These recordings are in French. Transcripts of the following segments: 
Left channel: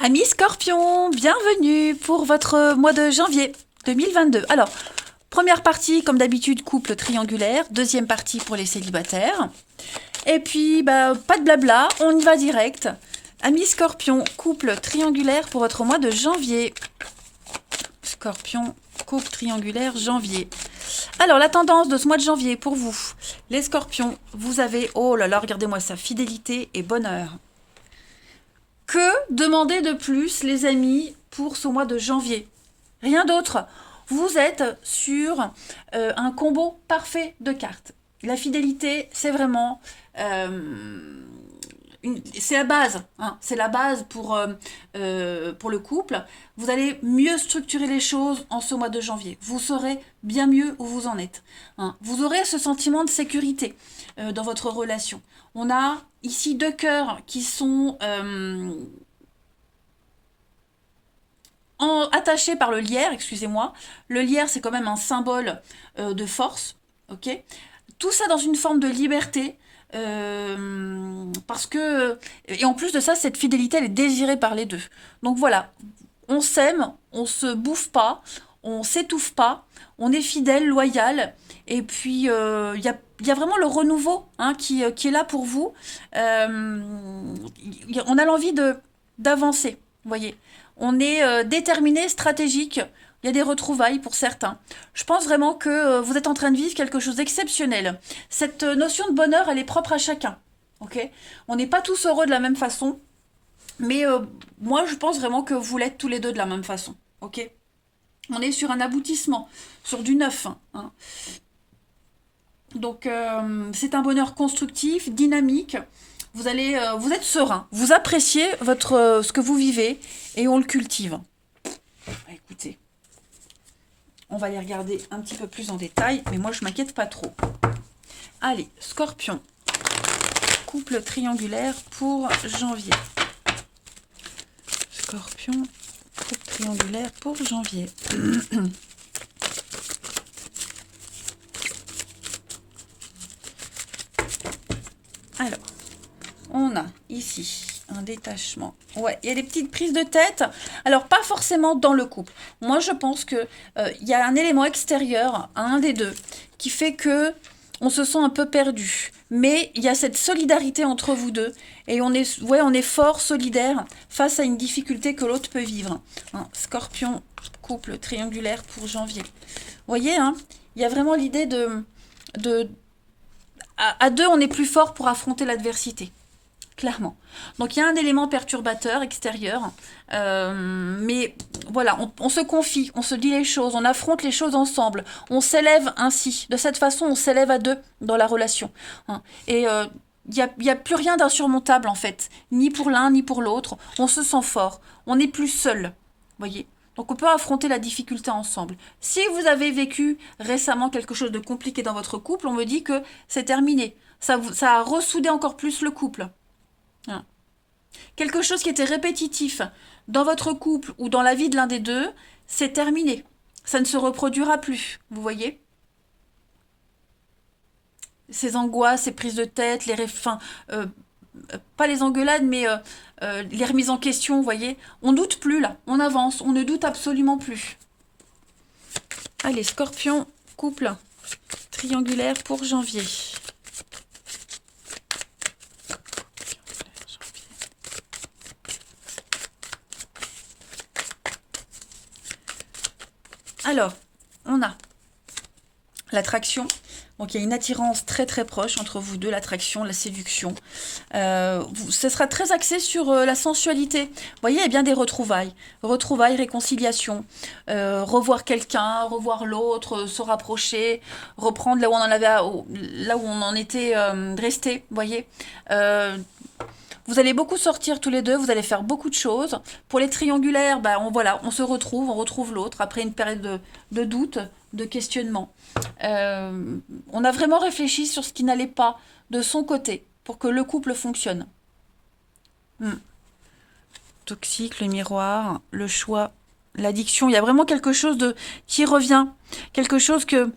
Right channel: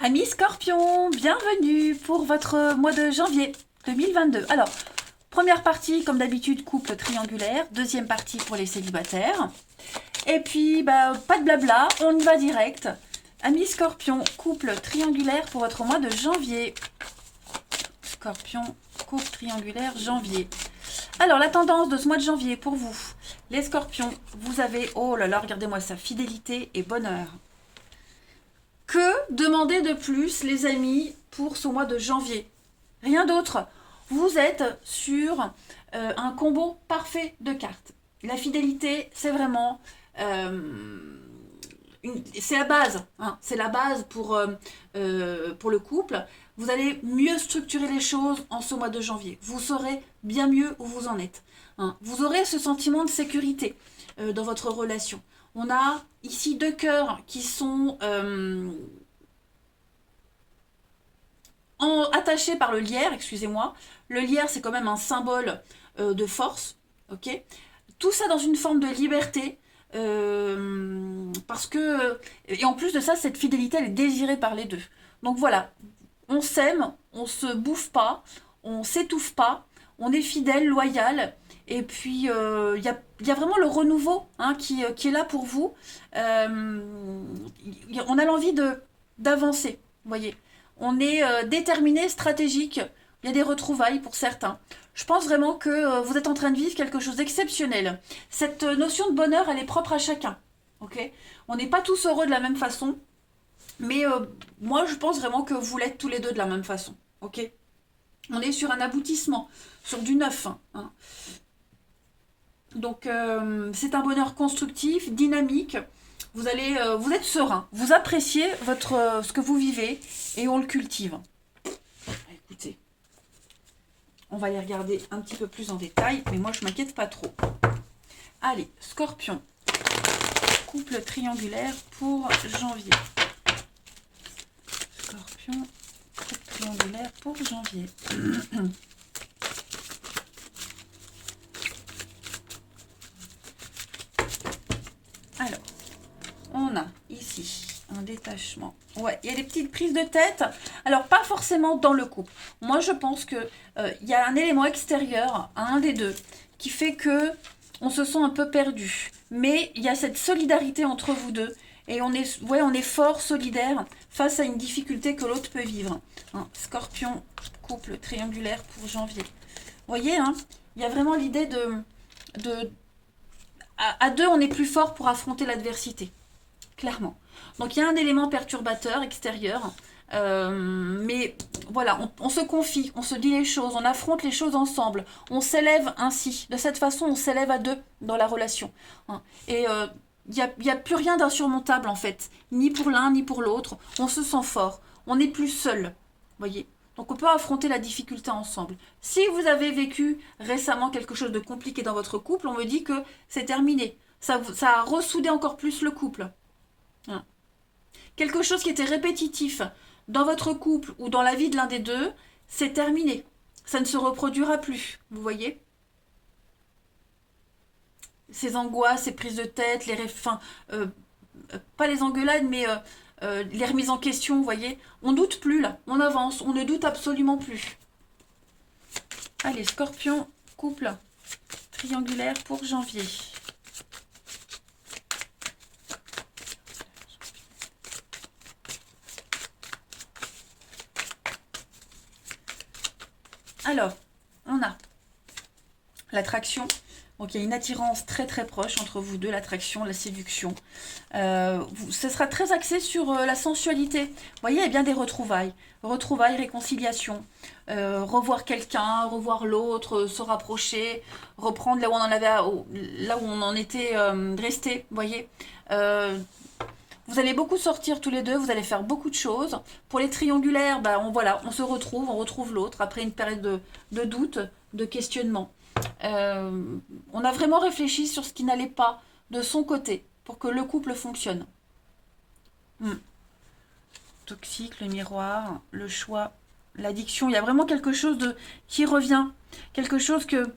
Amis Scorpion, bienvenue pour votre mois de janvier 2022. Alors, première partie, comme d'habitude, couple triangulaire. Deuxième partie pour les célibataires. Et puis, pas de blabla, on y va direct. Amis Scorpion, couple triangulaire pour votre mois de janvier. Scorpion, couple triangulaire, janvier. Alors, la tendance de ce mois de janvier pour vous. Les Scorpions, vous avez, oh là là, regardez-moi ça, fidélité et bonheur. Que demander de plus, les amis, pour ce mois de janvier? Rien d'autre. Vous êtes sur un combo parfait de cartes. La fidélité, c'est vraiment... c'est la base. Hein, c'est la base pour le couple. Vous allez mieux structurer les choses en ce mois de janvier. Vous saurez bien mieux où vous en êtes. Hein. Vous aurez ce sentiment de sécurité dans votre relation. On a ici deux cœurs qui sont attachés par le lierre, excusez-moi. Le lierre, c'est quand même un symbole de force, ok? Tout ça dans une forme de liberté, parce que... Et en plus de ça, cette fidélité, elle est désirée par les deux. Donc voilà, on s'aime, on se bouffe pas, on s'étouffe pas, on est fidèle, loyal, et puis y a vraiment le renouveau hein, qui est là pour vous. On a l'envie d'avancer, vous voyez. On est déterminé, stratégique. Il y a des retrouvailles pour certains. Je pense vraiment que vous êtes en train de vivre quelque chose d'exceptionnel. Cette notion de bonheur, elle est propre à chacun. Ok. On n'est pas tous heureux de la même façon, mais moi, je pense vraiment que vous l'êtes tous les deux de la même façon. Ok. On est sur un aboutissement, sur du neuf. Hein. Donc, c'est un bonheur constructif, dynamique. Vous êtes serein. Vous appréciez ce que vous vivez et on le cultive. Écoutez, on va les regarder un petit peu plus en détail, mais moi, je m'inquiète pas trop. Allez, Scorpion, couple triangulaire pour janvier. Scorpion, couple triangulaire pour janvier. Alors, on a ici un détachement. Ouais, il y a des petites prises de tête. Alors, pas forcément dans le couple. Moi, je pense que y a un élément extérieur à un des deux qui fait que on se sent un peu perdu. Mais il y a cette solidarité entre vous deux. Et on est fort, solidaire face à une difficulté que l'autre peut vivre. Hein, Scorpion, couple triangulaire pour janvier. Vous voyez, hein, il y a vraiment l'idée de à deux, on est plus fort pour affronter l'adversité. Clairement. Donc il y a un élément perturbateur extérieur, mais voilà, on se confie, on se dit les choses, on affronte les choses ensemble, on s'élève ainsi. De cette façon, on s'élève à deux dans la relation. Hein. Et il n'y a plus rien d'insurmontable en fait, ni pour l'un ni pour l'autre. On se sent fort, on n'est plus seul, voyez. Donc on peut affronter la difficulté ensemble. Si vous avez vécu récemment quelque chose de compliqué dans votre couple, on me dit que c'est terminé. Ça a ressoudé encore plus le couple. Hein. Quelque chose qui était répétitif dans votre couple ou dans la vie de l'un des deux, c'est terminé. Ça ne se reproduira plus, vous voyez? Ces angoisses, ces prises de tête, pas les engueulades, mais les remises en question, vous voyez? On doute plus là, on avance, on ne doute absolument plus. Allez, Scorpion, couple triangulaire pour janvier. Alors, on a l'attraction. Donc, il y a une attirance très très proche entre vous deux, l'attraction, la séduction. Ce sera très axé sur la sensualité. Vous voyez, il y a bien des retrouvailles. Retrouvailles, réconciliation. Revoir quelqu'un, revoir l'autre, se rapprocher, reprendre là où on en avait, là où on en était resté. Vous voyez. Vous allez beaucoup sortir tous les deux, vous allez faire beaucoup de choses. Pour les triangulaires, on se retrouve, on retrouve l'autre après une période de doute, de questionnement. On a vraiment réfléchi sur ce qui n'allait pas de son côté pour que le couple fonctionne. Toxique, le miroir, le choix, l'addiction. Il y a vraiment quelque chose qui revient. Quelque chose que...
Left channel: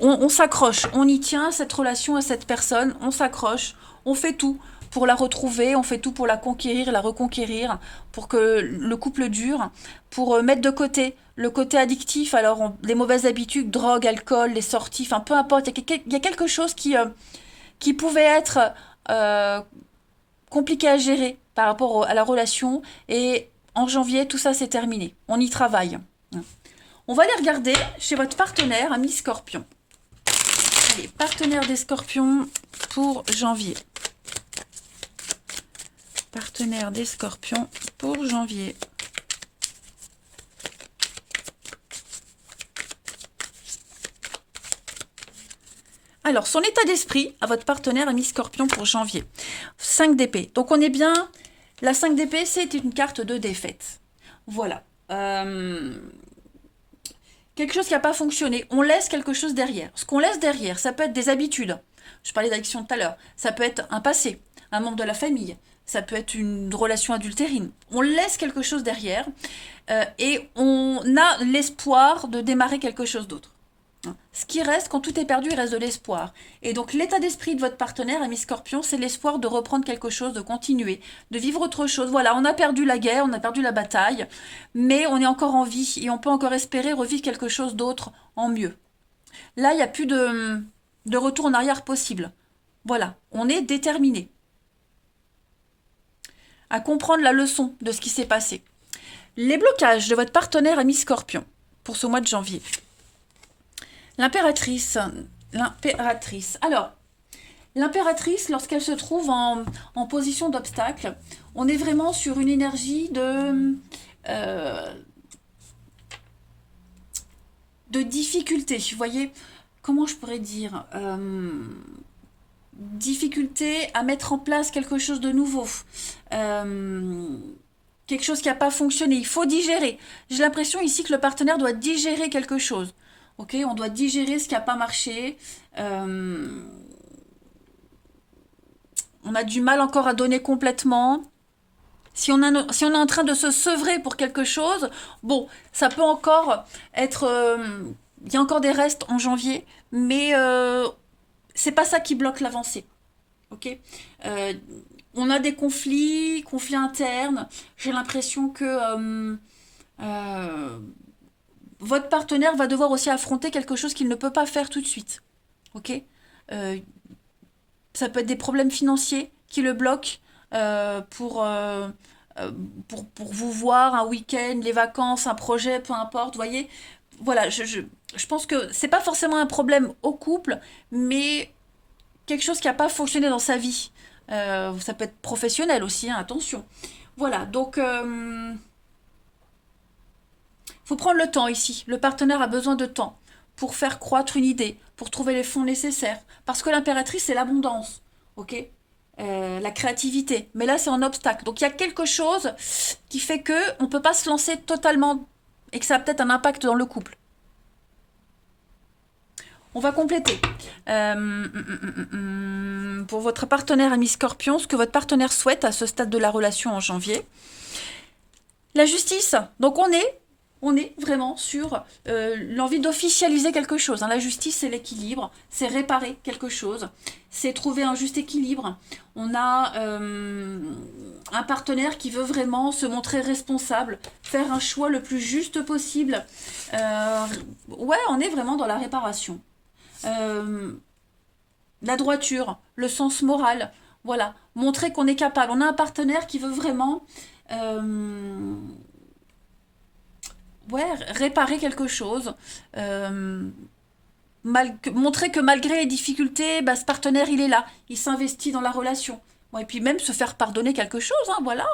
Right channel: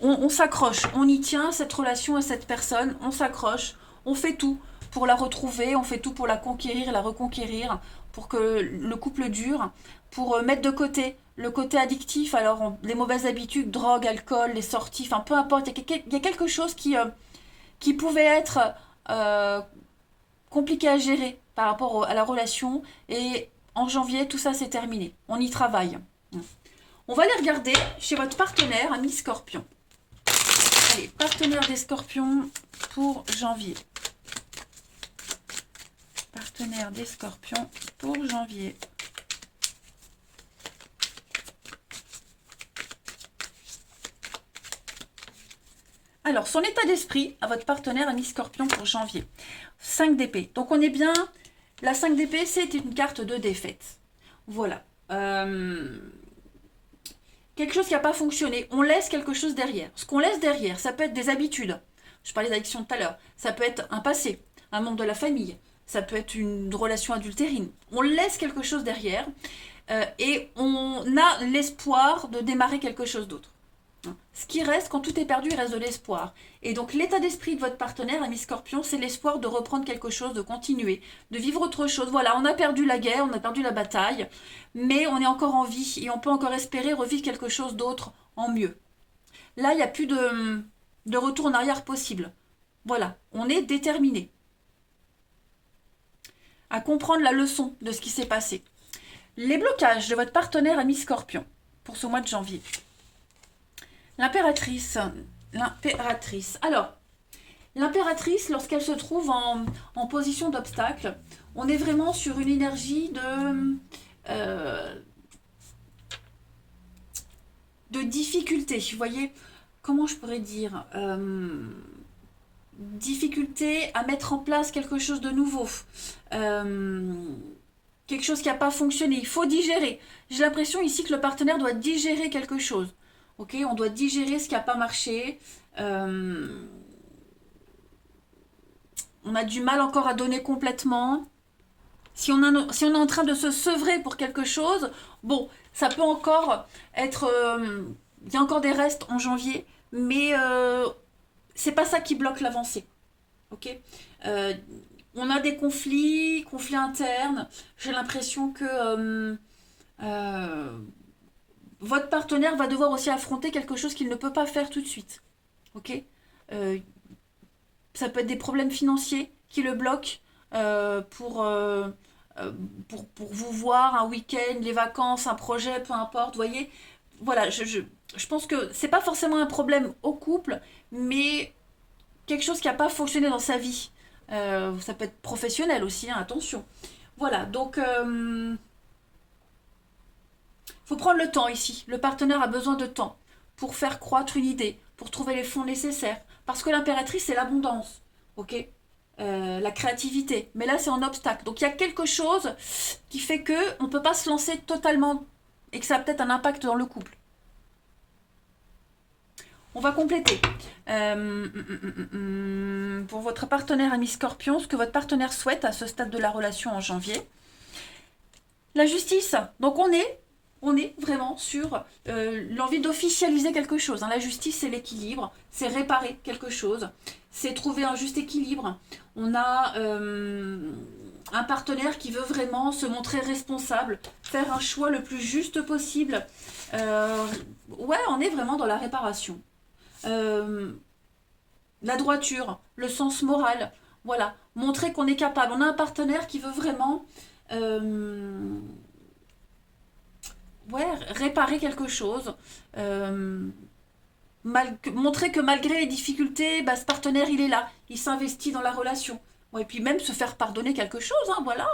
On s'accroche, on y tient à cette relation, à cette personne, on s'accroche, on fait tout pour la retrouver, on fait tout pour la conquérir, la reconquérir, pour que le couple dure, pour mettre de côté le côté addictif, alors les mauvaises habitudes, drogue, alcool, les sorties, enfin peu importe, il y a quelque chose qui pouvait être euh, compliqué à gérer par rapport à la relation, et en janvier, tout ça c'est terminé. On y travaille. On va aller regarder chez votre partenaire, ami Scorpion. Allez, partenaire des Scorpions pour janvier. Partenaire des Scorpions pour janvier. Alors, son état d'esprit à votre partenaire ami Scorpion pour janvier. 5 d'épée. Donc, on est bien... La 5 d'épée, c'est une carte de défaite. Voilà. Quelque chose qui n'a pas fonctionné. On laisse quelque chose derrière. Ce qu'on laisse derrière, ça peut être des habitudes. Je parlais d'addiction tout à l'heure. Ça peut être un passé, un membre de la famille. Ça peut être une relation adultérine. On laisse quelque chose derrière et on a l'espoir de démarrer quelque chose d'autre. Ce qui reste, quand tout est perdu, il reste de l'espoir. Et donc l'état d'esprit de votre partenaire, ami Scorpion, c'est l'espoir de reprendre quelque chose, de continuer, de vivre autre chose. Voilà, on a perdu la guerre, on a perdu la bataille, mais on est encore en vie et on peut encore espérer revivre quelque chose d'autre en mieux. Là, il n'y a plus de retour en arrière possible. Voilà, on est déterminé à comprendre la leçon de ce qui s'est passé. Les blocages de votre partenaire, ami Scorpion, pour ce mois de janvier. L'impératrice. Alors, l'impératrice, lorsqu'elle se trouve en position d'obstacle, on est vraiment sur une énergie de difficulté. Vous voyez, comment je pourrais dire difficulté à mettre en place quelque chose de nouveau. Quelque chose qui n'a pas fonctionné. Il faut digérer. J'ai l'impression ici que le partenaire doit digérer quelque chose. Ok, on doit digérer ce qui n'a pas marché. On a du mal encore à donner complètement. Si on est en train de se sevrer pour quelque chose, bon, ça peut encore être... Il y a encore des restes en janvier, mais c'est pas ça qui bloque l'avancée. Ok, on a des conflits internes. J'ai l'impression que... votre partenaire va devoir aussi affronter quelque chose qu'il ne peut pas faire tout de suite. Ok, ça peut être des problèmes financiers qui le bloquent pour vous voir un week-end, les vacances, un projet, peu importe. Vous voyez, voilà, je pense que c'est pas forcément un problème au couple, mais quelque chose qui n'a pas fonctionné dans sa vie. Ça peut être professionnel aussi, hein, attention. Voilà, donc... faut prendre le temps ici. Le partenaire a besoin de temps pour faire croître une idée, pour trouver les fonds nécessaires. Parce que l'impératrice, c'est l'abondance, ok, la créativité. Mais là, c'est un obstacle. Donc, il y a quelque chose qui fait que on ne peut pas se lancer totalement et que ça a peut-être un impact dans le couple. On va compléter. Pour votre partenaire ami Scorpion, ce que votre partenaire souhaite à ce stade de la relation en janvier. La justice. Donc, on est vraiment sur l'envie d'officialiser quelque chose. Hein. La justice, c'est l'équilibre, c'est réparer quelque chose, c'est trouver un juste équilibre. On a un partenaire qui veut vraiment se montrer responsable, faire un choix le plus juste possible. Ouais, on est vraiment dans la réparation. La droiture, le sens moral, voilà, montrer qu'on est capable. On a un partenaire qui veut vraiment... réparer quelque chose, montrer que malgré les difficultés, bah, ce partenaire, il est là, il s'investit dans la relation. Ouais, et puis même se faire pardonner quelque chose, hein, voilà,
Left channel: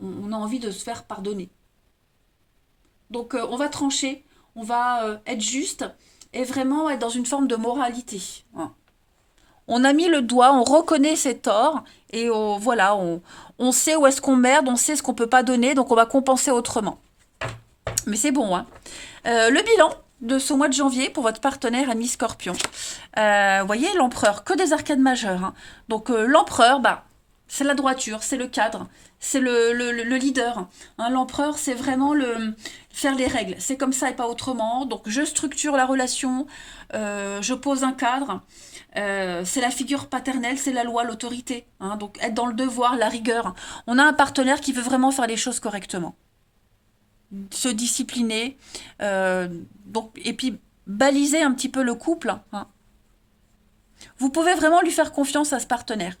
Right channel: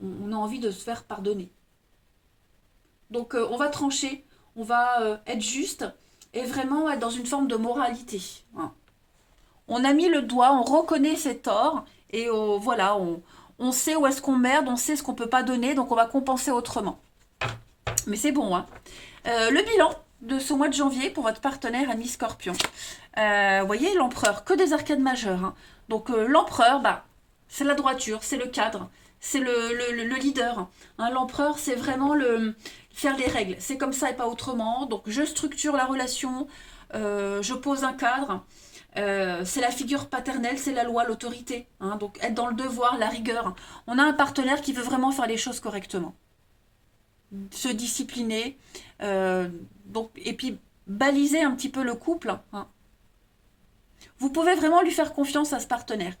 on a envie de se faire pardonner. Donc on va trancher, on va être juste et vraiment être dans une forme de moralité. Hein. On a mis le doigt, on reconnaît ses torts et voilà, on sait où est-ce qu'on merde, on sait ce qu'on peut pas donner, donc on va compenser autrement. Mais c'est bon, hein. Le bilan de ce mois de janvier pour votre partenaire ami Scorpion. Vous voyez, l'empereur, que des arcades majeures. Hein. Donc l'empereur, bah, c'est la droiture, c'est le cadre, c'est le leader. Hein, l'empereur, c'est vraiment faire les règles. C'est comme ça et pas autrement. Donc, je structure la relation, je pose un cadre. C'est la figure paternelle, c'est la loi, l'autorité. Hein, donc, être dans le devoir, la rigueur. On a un partenaire qui veut vraiment faire les choses correctement. Se discipliner. Donc, et puis, baliser un petit peu le couple. Hein. Vous pouvez vraiment lui faire confiance à ce partenaire.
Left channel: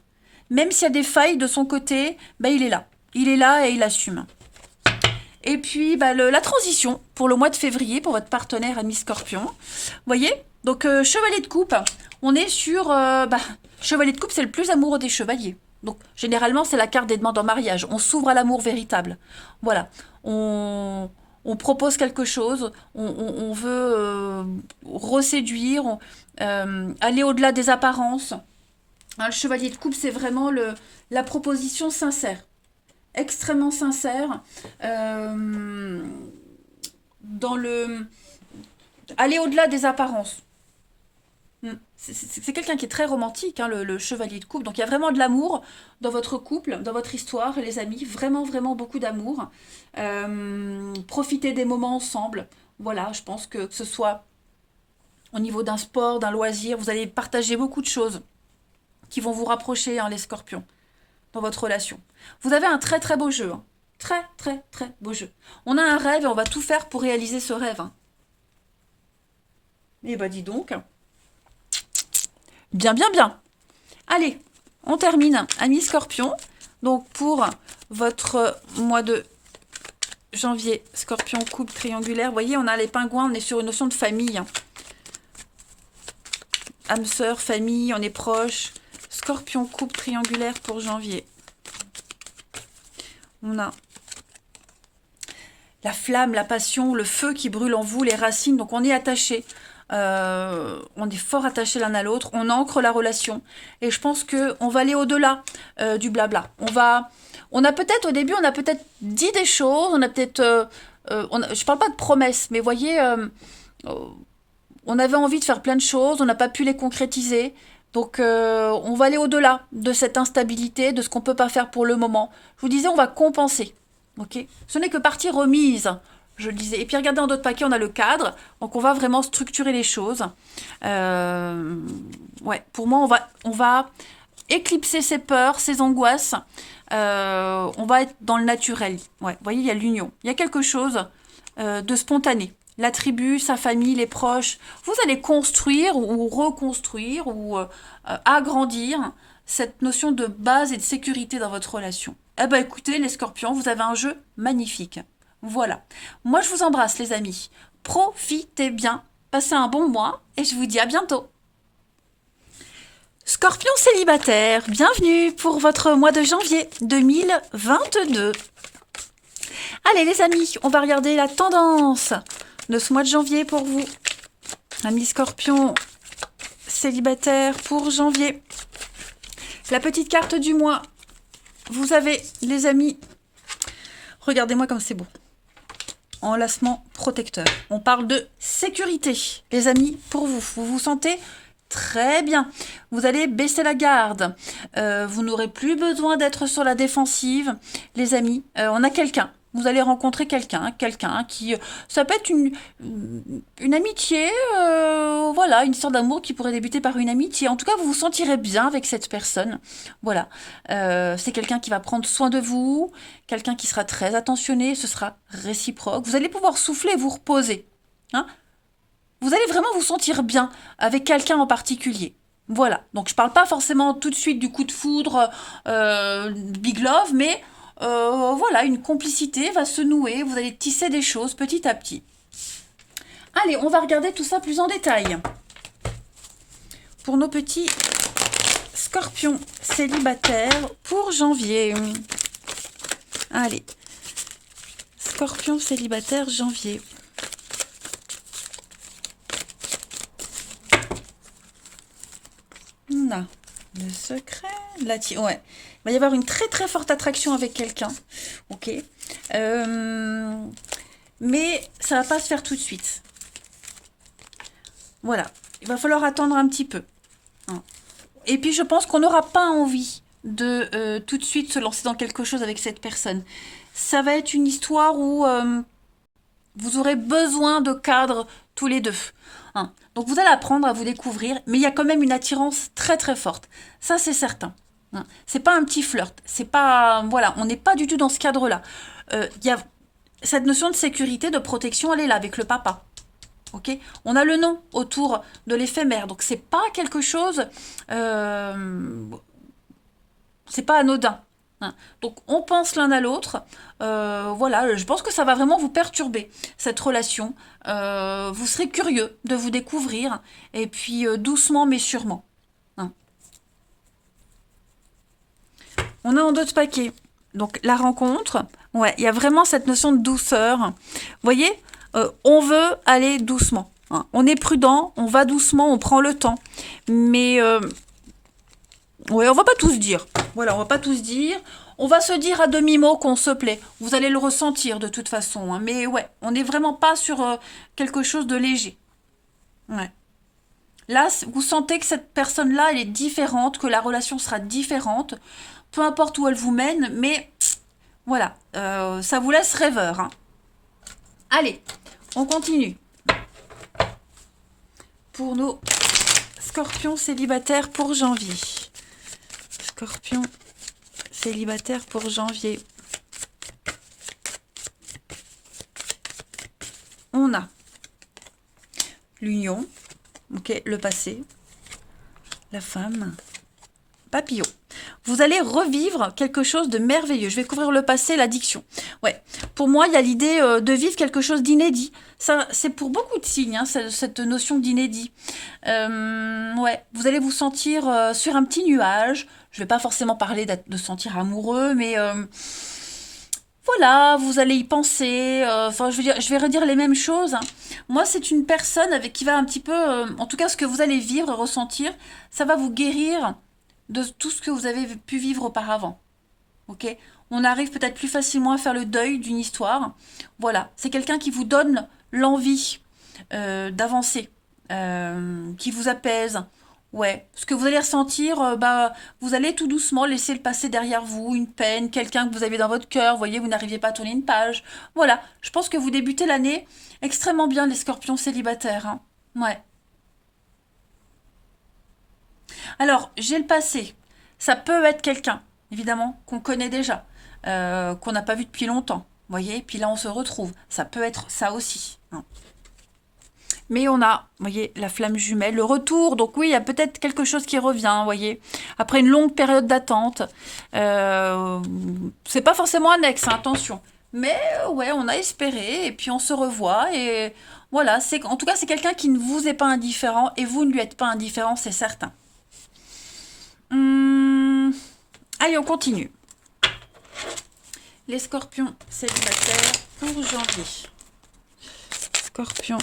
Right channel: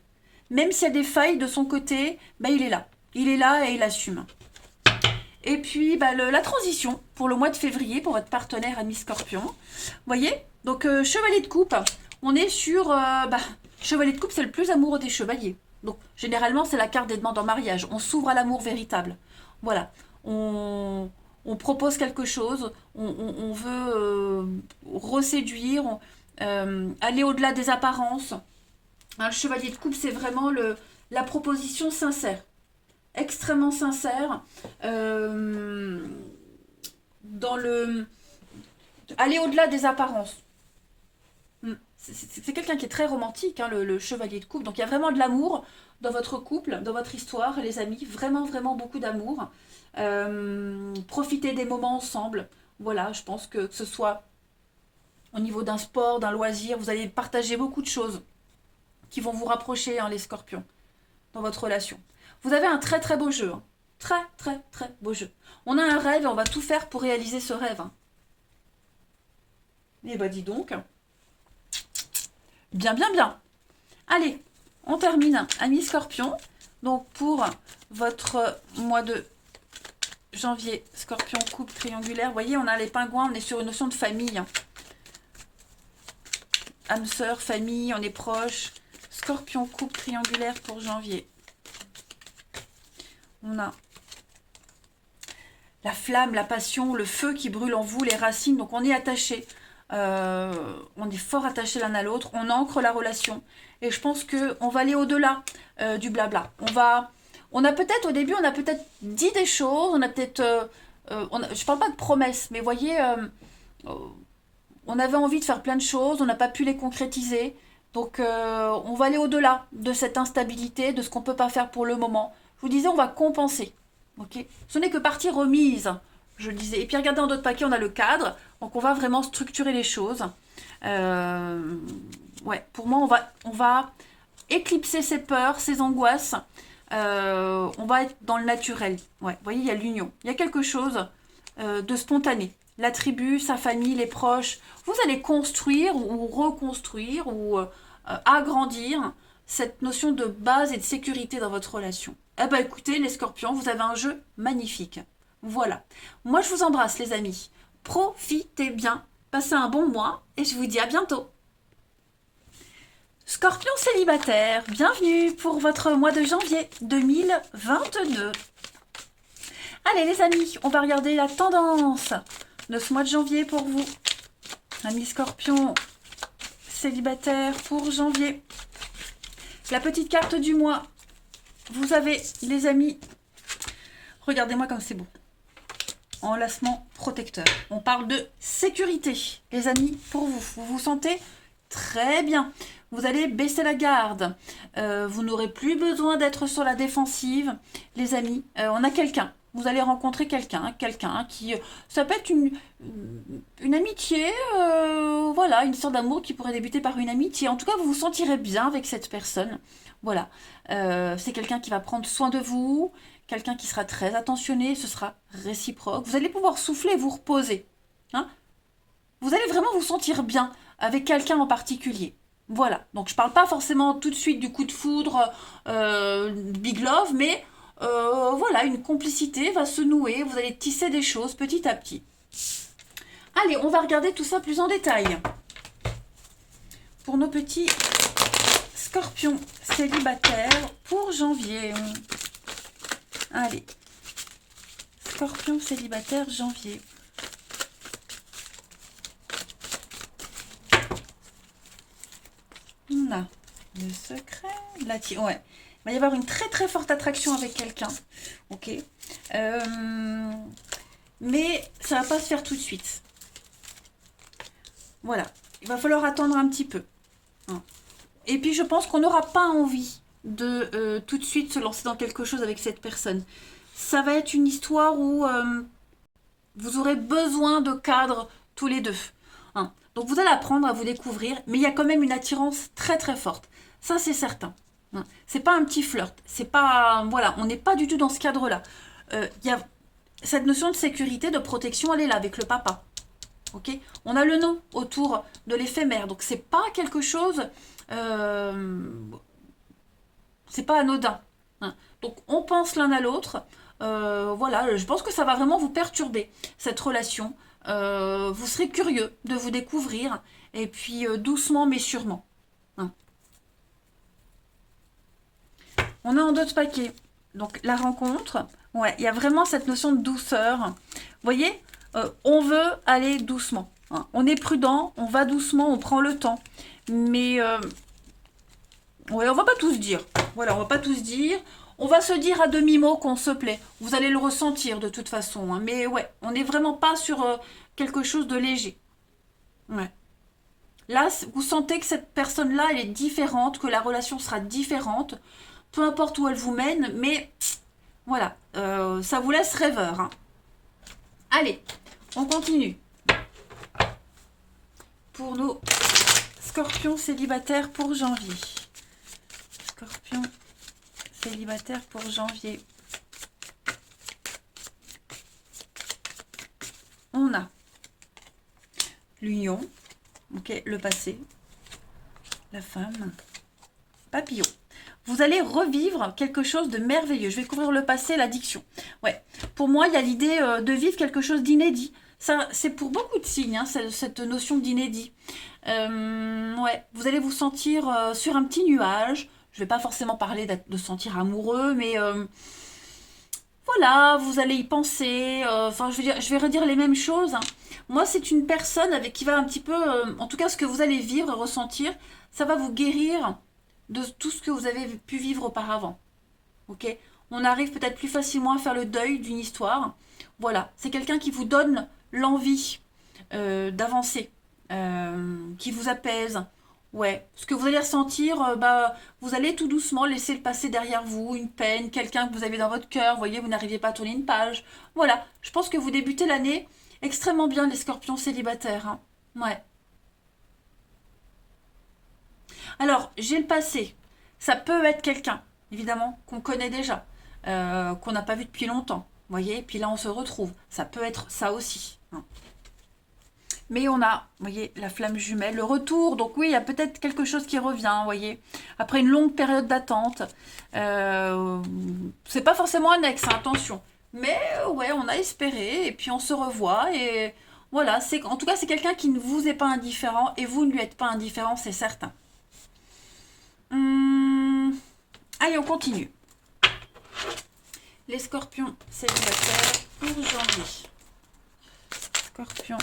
Même s'il y a des failles de son côté, ben il est là. Il est là et il assume. Et puis, ben la transition pour le mois de février, pour votre partenaire ami Scorpion. Vous voyez? Donc, chevalier de coupe, on est sur... chevalier de coupe, c'est le plus amoureux des chevaliers. Donc, généralement, c'est la carte des demandes en mariage. On s'ouvre à l'amour véritable. Voilà. On propose quelque chose, on veut reséduire, aller au-delà des apparences. Hein, le chevalier de coupe, c'est vraiment la proposition sincère, extrêmement sincère, dans le aller au-delà des apparences. C'est quelqu'un qui est très romantique, hein, le chevalier de coupe. Donc il y a vraiment de l'amour dans votre couple, dans votre histoire, les amis. Vraiment, vraiment beaucoup d'amour. Profitez des moments ensemble. Voilà, je pense que ce soit au niveau d'un sport, d'un loisir, vous allez partager beaucoup de choses qui vont vous rapprocher, hein, les scorpions, dans votre relation. Vous avez un très très beau jeu. Hein. Très très très beau jeu. On a un rêve et on va tout faire pour réaliser ce rêve. Hein. Eh ben dis donc. Bien, bien, bien. Allez, on termine, amis scorpions. Donc pour votre mois de janvier, scorpion, coupe triangulaire. Vous voyez, on a les pingouins, on est sur une notion de famille. Âme sœur, famille, on est proche. Scorpion, coupe triangulaire pour janvier. On a la flamme, la passion, le feu qui brûle en vous, les racines. Donc on est attaché. On est fort attachés l'un à l'autre. On ancre la relation. Et je pense qu'on va aller au-delà du blabla. On a peut-être, au début, on a peut-être dit des choses. On a peut-être... je parle pas de promesses, mais voyez... on avait envie de faire plein de choses. On n'a pas pu les concrétiser. Donc, on va aller au-delà de cette instabilité, de ce qu'on ne peut pas faire pour le moment. Je vous disais, on va compenser. Okay, ce n'est que partie remise, je le disais. Et puis, regardez, en d'autres paquets, on a le cadre. Donc, on va vraiment structurer les choses. Ouais, pour moi, on va éclipser ses peurs, ses angoisses. On va être dans le naturel. Ouais, vous voyez, il y a l'union. Il y a quelque chose de spontané. La tribu, sa famille, les proches. Vous allez construire ou reconstruire ou agrandir cette notion de base et de sécurité dans votre relation. Eh ben écoutez, les scorpions, vous avez un jeu magnifique. Voilà. Moi, je vous embrasse, les amis. Profitez bien. Passez un bon mois et je vous dis à bientôt. Scorpion célibataire, bienvenue pour votre mois de janvier 2022. Allez les amis, on va regarder la tendance de ce mois de janvier pour vous. Amis scorpion célibataire pour janvier. La petite carte du mois. Vous avez les amis. Regardez-moi comme c'est beau. Enlacement protecteur. On parle de sécurité, les amis, pour vous. Vous vous sentez très bien. Vous allez baisser la garde. Vous n'aurez plus besoin d'être sur la défensive, les amis. On a quelqu'un. Vous allez rencontrer quelqu'un qui... Ça peut être une amitié, voilà, une histoire d'amour qui pourrait débuter par une amitié. En tout cas, vous vous sentirez bien avec cette personne. Voilà. C'est quelqu'un qui va prendre soin de vous, quelqu'un qui sera très attentionné, ce sera réciproque. Vous allez pouvoir souffler et vous reposer. Hein? Vous allez vraiment vous sentir bien avec quelqu'un en particulier. Voilà. Donc, je ne parle pas forcément tout de suite du coup de foudre, big love, mais... voilà, une complicité va se nouer, vous allez tisser des choses petit à petit. Allez, on va regarder tout ça plus en détail. Pour nos petits scorpions célibataires pour janvier. Allez, scorpion célibataire janvier. On a le secret, ouais. Il va y avoir une très très forte attraction avec quelqu'un. Ok. Mais ça ne va pas se faire tout de suite. Voilà. Il va falloir attendre un petit peu. Et puis je pense qu'on n'aura pas envie de tout de suite se lancer dans quelque chose avec cette personne. Ça va être une histoire où vous aurez besoin de cadre tous les deux. Hein. Donc vous allez apprendre à vous découvrir, mais il y a quand même une attirance très très forte. Ça c'est certain. Hein. C'est pas un petit flirt. C'est pas voilà, on n'est pas du tout dans ce cadre-là. Il y a cette notion de sécurité, de protection, elle est là avec le papa. Ok, on a le nom autour de l'éphémère, donc c'est pas quelque chose, c'est pas anodin. Hein. Donc on pense l'un à l'autre. Voilà, je pense que ça va vraiment vous perturber cette relation. Vous serez curieux de vous découvrir et puis doucement mais sûrement. Hein. On a en d'autres paquets. Donc la rencontre, ouais, il y a vraiment cette notion de douceur. Vous voyez, on veut aller doucement. Hein. On est prudent, on va doucement, on prend le temps. Mais ouais, on va pas tous dire. Voilà, on va pas tous dire. On va se dire à demi-mot qu'on se plaît. Vous allez le ressentir de toute façon. Hein. Mais ouais, on n'est vraiment pas sur quelque chose de léger. Ouais. Là, vous sentez que cette personne-là, elle est différente, que la relation sera différente, peu importe où elle vous mène, mais voilà, ça vous laisse rêveur. Hein. Allez, on continue. Pour nos scorpions célibataires pour janvier. Scorpion célibataire pour janvier. On a l'union, ok, le passé, la femme, papillon. Vous allez revivre quelque chose de merveilleux. Je vais couvrir le passé, l'addiction. Ouais, pour moi, il y a l'idée de vivre quelque chose d'inédit. Ça, c'est pour beaucoup de signes, hein, cette notion d'inédit. Ouais, vous allez vous sentir sur un petit nuage. Je ne vais pas forcément parler de se sentir amoureux, mais voilà, vous allez y penser. Enfin, je veux dire, je vais redire les mêmes choses. Hein. Moi, c'est une personne avec qui va un petit peu, en tout cas, ce que vous allez vivre et ressentir, ça va vous guérir de tout ce que vous avez pu vivre auparavant. Ok, on arrive peut-être plus facilement à faire le deuil d'une histoire. Voilà, c'est quelqu'un qui vous donne l'envie d'avancer, qui vous apaise. Ouais, ce que vous allez ressentir, bah, vous allez tout doucement laisser le passé derrière vous, une peine, quelqu'un que vous avez dans votre cœur. Vous voyez, vous n'arrivez pas à tourner une page. Voilà, je pense que vous débutez l'année extrêmement bien, les scorpions célibataires. Hein. Ouais. Alors, j'ai le passé. Ça peut être quelqu'un, évidemment, qu'on connaît déjà, qu'on n'a pas vu depuis longtemps. Vous voyez, puis là, on se retrouve. Ça peut être ça aussi. Hein. Mais on a, vous voyez, la flamme jumelle, le retour. Donc oui, il y a peut-être quelque chose qui revient, vous voyez. Après une longue période d'attente. Euh, c'est pas forcément un ex, hein, attention. Mais ouais, on a espéré et puis on se revoit. Et voilà, en tout cas, c'est quelqu'un qui ne vous est pas indifférent et vous ne lui êtes pas indifférent, c'est certain. Hum, allez, on continue. Les scorpions célibataires pour janvier. Scorpion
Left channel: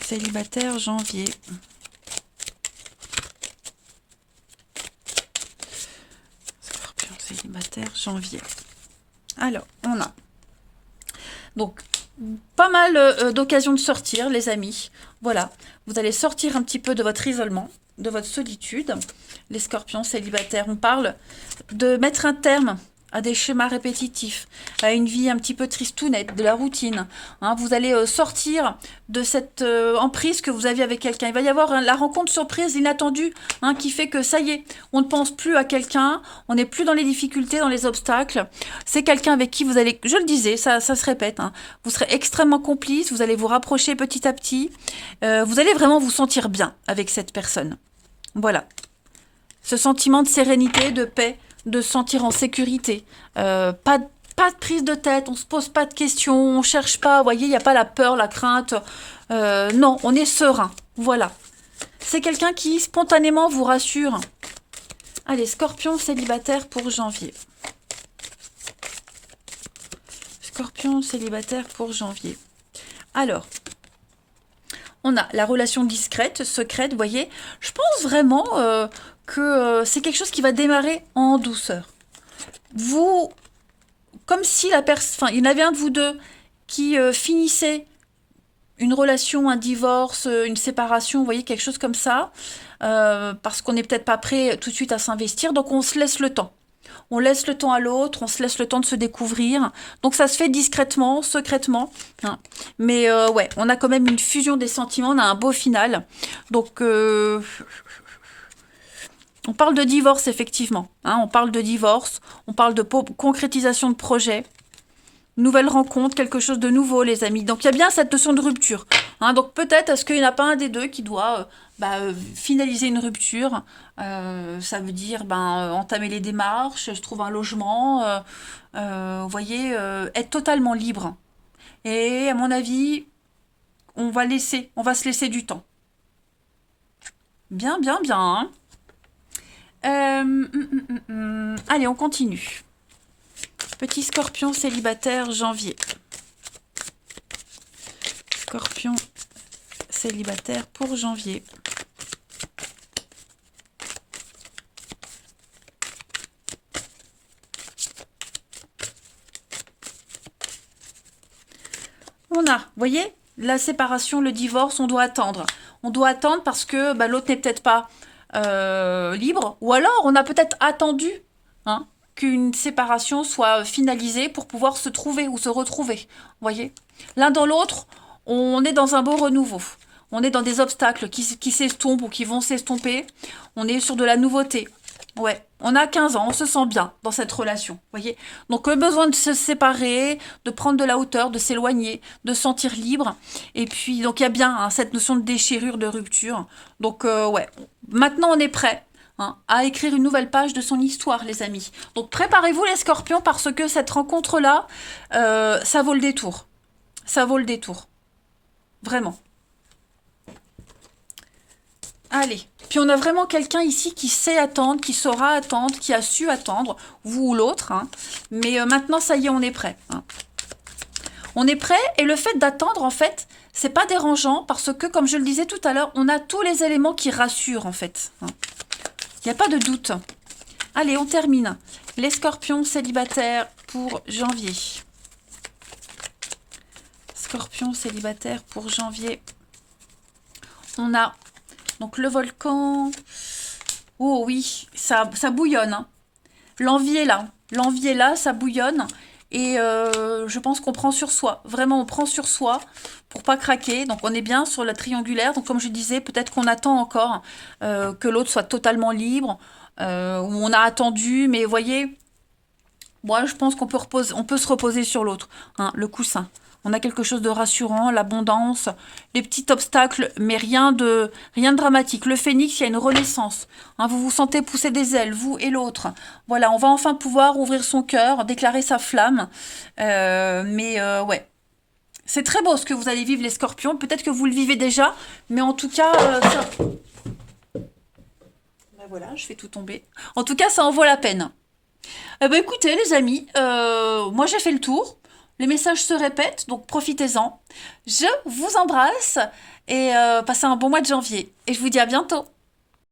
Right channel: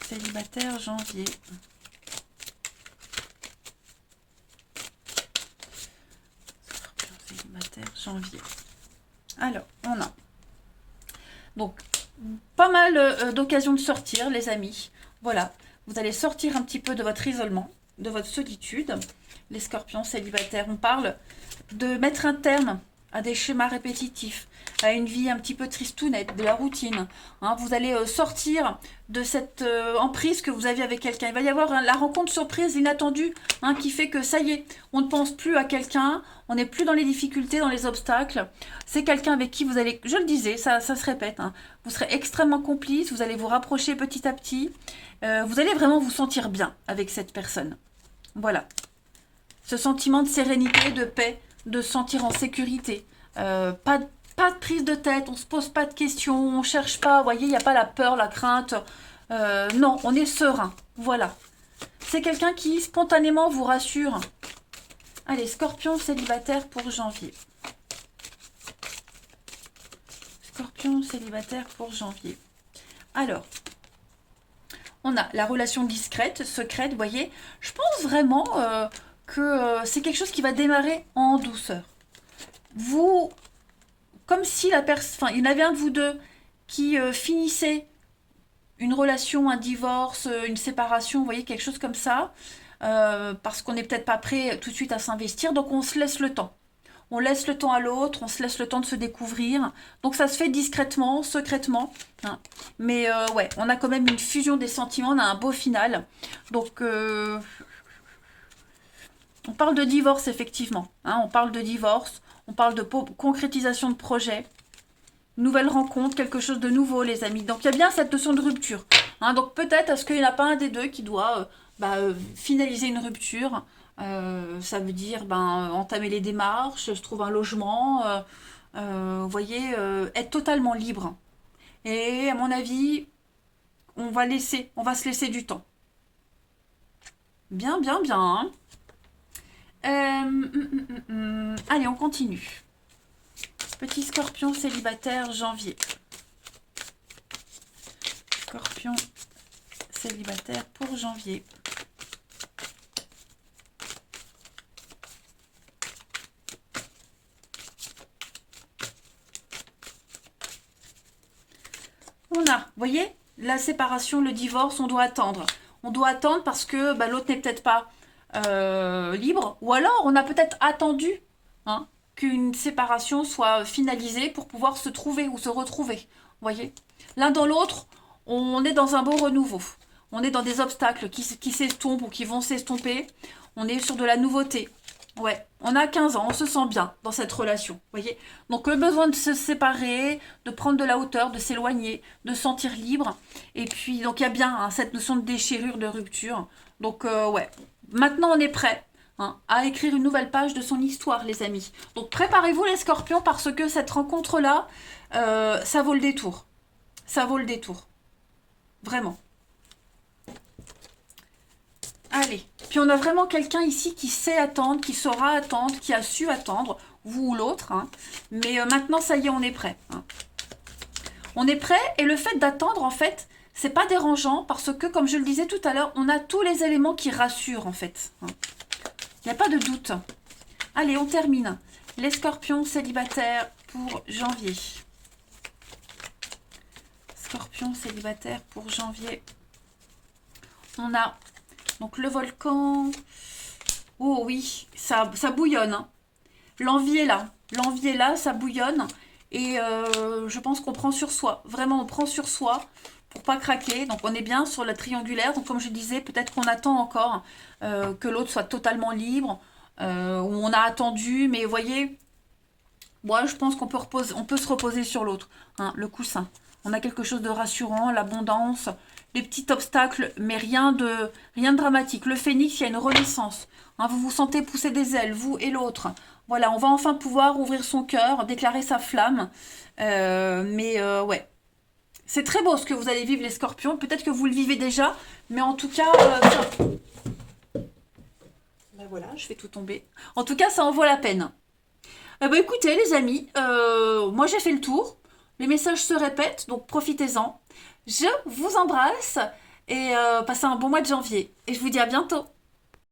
célibataire janvier. Scorpion célibataire janvier. Alors, on a donc pas mal d'occasions de sortir, les amis. Voilà, vous allez sortir un petit peu de votre isolement, de votre solitude. Les scorpions célibataires, on parle de mettre un terme à des schémas répétitifs, à une vie un petit peu tristounette, de la routine. Hein, vous allez sortir de cette emprise que vous aviez avec quelqu'un. Il va y avoir la rencontre surprise, inattendue, hein, qui fait que ça y est, on ne pense plus à quelqu'un, on n'est plus dans les difficultés, dans les obstacles. C'est quelqu'un avec qui vous allez, je le disais, ça se répète, hein, vous serez extrêmement complice, vous allez vous rapprocher petit à petit, vous allez vraiment vous sentir bien avec cette personne. Voilà. Ce sentiment de sérénité, de paix, de se sentir en sécurité. Pas de prise de tête, on ne se pose pas de questions, on ne cherche pas, vous voyez, il n'y a pas la peur, la crainte. Non, on est serein. Voilà. C'est quelqu'un qui spontanément vous rassure. Allez, scorpion célibataire pour janvier. Scorpion célibataire pour janvier. Alors, on a la relation discrète, secrète, vous voyez. Je pense vraiment que c'est quelque chose qui va démarrer en douceur. Vous, comme si la personne, enfin, il y en avait un de vous deux qui finissait une relation, un divorce, une séparation, vous voyez, quelque chose comme ça. parce qu'on n'est peut-être pas prêt tout de suite à s'investir, donc on se laisse le temps. On laisse le temps à l'autre, on se laisse le temps de se découvrir. Donc ça se fait discrètement, secrètement, hein. Mais ouais, on a quand même une fusion des sentiments, on a un beau final. Donc on parle de divorce, effectivement, hein. On parle de divorce, on parle de concrétisation de projet. Nouvelle rencontre, quelque chose de nouveau, les amis. Donc, il y a bien cette notion de rupture, hein. Donc, peut-être, est-ce qu'il n'y en a pas un des deux qui doit finaliser une rupture. Ça veut dire entamer les démarches, je trouve un logement, vous voyez, être totalement libre. Et à mon avis, on va se laisser du temps. Bien, bien, bien, hein. Allez, on continue. Petit scorpion célibataire, janvier. Scorpion célibataire pour janvier. On a, vous voyez, la séparation, le divorce, on doit attendre. On doit attendre parce que l'autre n'est peut-être pas libre. Ou alors, on a peut-être attendu, hein, qu'une séparation soit finalisée pour pouvoir se trouver ou se retrouver. Vous voyez, l'un dans l'autre, on est dans un beau renouveau. On est dans des obstacles qui s'estompent ou qui vont s'estomper. On est sur de la nouveauté. Ouais, on a 15 ans, on se sent bien dans cette relation, vous voyez. Donc le besoin de se séparer, de prendre de la hauteur, de s'éloigner, de se sentir libre. Et puis, donc il y a bien hein, cette notion de déchirure, de rupture. Donc ouais, maintenant on est prêt hein, à écrire une nouvelle page de son histoire, les amis. Donc préparez-vous les scorpions parce que cette rencontre-là, ça vaut le détour. Ça vaut le détour. Vraiment. Allez, puis on a vraiment quelqu'un ici qui sait attendre, qui saura attendre, qui a su attendre, vous ou l'autre. Hein. Mais maintenant, ça y est, on est prêt. Hein. On est prêt et le fait d'attendre, en fait, c'est pas dérangeant parce que, comme je le disais tout à l'heure, on a tous les éléments qui rassurent, en fait. Hein. Il n'y a pas de doute. Allez, on termine. Les scorpions célibataires pour janvier. Scorpions célibataires pour janvier. On a... Donc le volcan, oh oui, ça bouillonne. Hein. L'envie est là. L'envie est là, ça bouillonne. Et je pense qu'on prend sur soi. Vraiment, on prend sur soi pour pas craquer. Donc on est bien sur la triangulaire. Donc comme je disais, peut-être qu'on attend encore que l'autre soit totalement libre. Ou on a attendu, mais vous voyez, moi je pense qu'on peut, on peut se reposer sur l'autre. Hein, le coussin. On a quelque chose de rassurant, l'abondance, les petits obstacles, mais rien de dramatique. Le phénix, il y a une renaissance. Hein, vous vous sentez pousser des ailes, vous et l'autre. Voilà, on va enfin pouvoir ouvrir son cœur, déclarer sa flamme. Ouais, c'est très beau ce que vous allez vivre, les scorpions. Peut-être que vous le vivez déjà, mais en tout cas... voilà, je fais tout tomber. En tout cas, ça en vaut la peine. Écoutez, les amis, moi j'ai fait le tour. Les messages se répètent, donc profitez-en. Je vous embrasse et passez un bon mois de janvier. Et je vous dis à bientôt.